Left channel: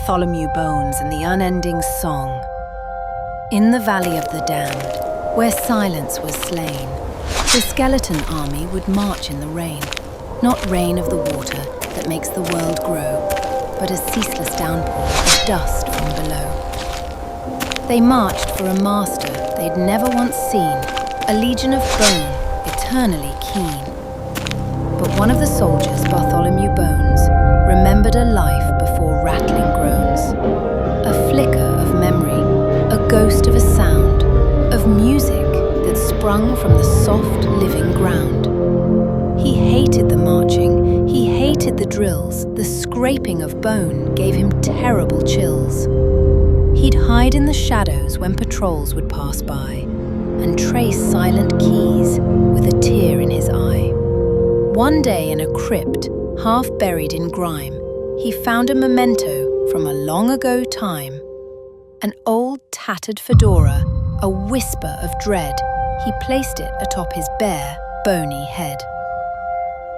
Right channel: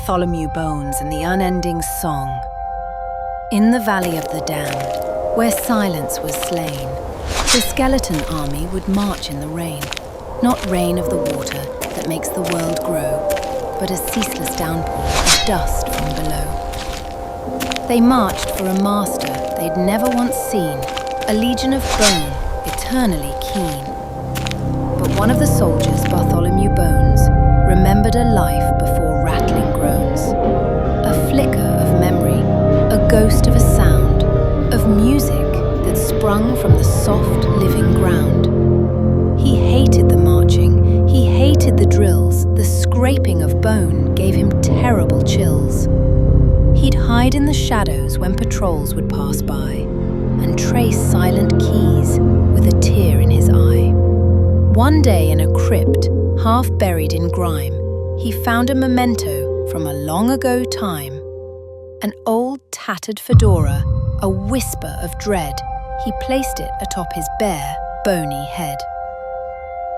Bartholomew bones and the unending song. In the valley of the damned, where silence was slain, the skeleton army would march in the rain. Not rain of the water that makes the world grow, but a ceaseless downpour of dust from below. They marched for a master they'd never once seen, a legion of bone, eternally keen. But one of the soldiers, Bartholomew Bones, remembered a life before rattling groans. A flicker of memory, a ghost of a sound, of music that sprung from the soft, living ground. He hated the marching, he hated the drills, the scraping of bone gave him terrible chills. He'd hide in the shadows when patrols would pass by, and trace silent keys with a tear in his eye. One day in a crypt, half buried in grime, he found a memento from a long ago time. An old tattered fedora, a whisper of dread, he placed it atop his bare, bony head.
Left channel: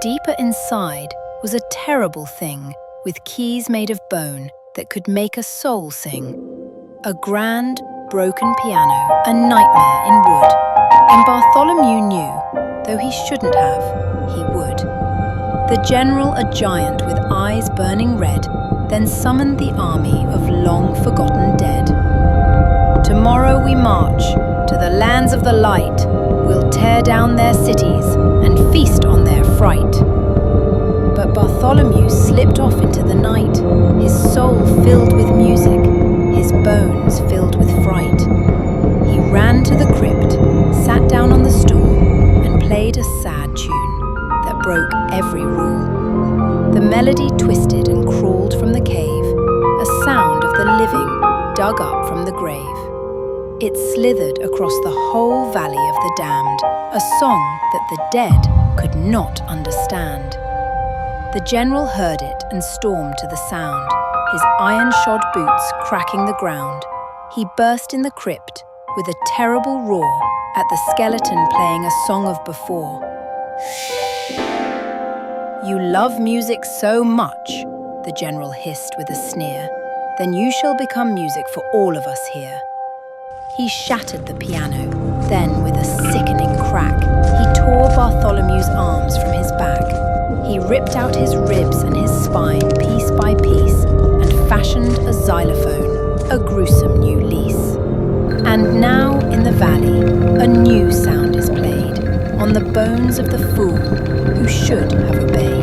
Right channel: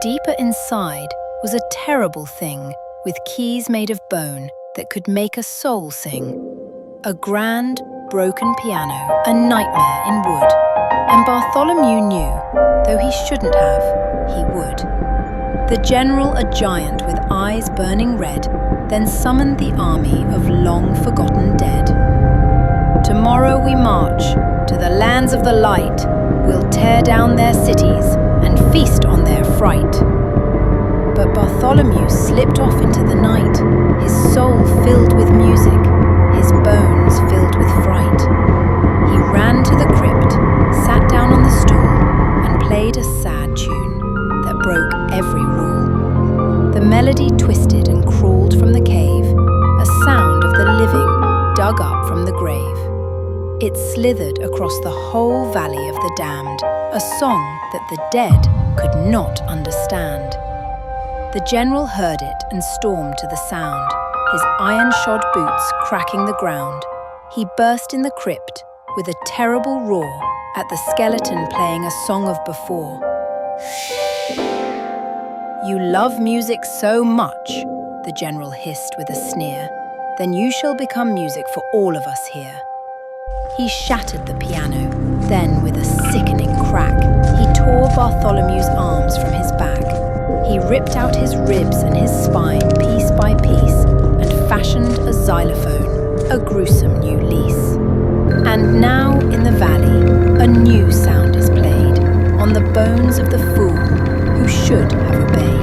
Deeper inside was a terrible thing with keys made of bone that could make a soul sing. A grand, broken piano, a nightmare in wood. And Bartholomew knew, though he shouldn't have, he would. The general, a giant with eyes burning red, then summoned the army of long-forgotten dead. Tomorrow we march to the lands of the light. We'll tear down their cities and feast on their fright. But Bartholomew slipped off into the night, his soul filled with music, his bones filled with fright. He ran to the crypt, sat down on the stool, and played a sad tune that broke every rule. The melody twisted and crawled from the cave, a sound of the living dug up from the grave. It slithered across the whole valley of the damned, a song that the dead could not understand. The general heard it and stormed to the sound, his iron-shod boots cracking the ground. He burst in the crypt with a terrible roar at the skeleton playing a song of before. "You love music so much," the general hissed with a sneer, "then you shall become music for all of us here." He shattered the piano, then with a sickening crack, he tore Bartholomew's arms from his back. He ripped out his ribs and his spine piece by piece and fashioned a xylophone, a gruesome new lease. And now in the valley, a new sound is played on the bones of the fool who should have obeyed.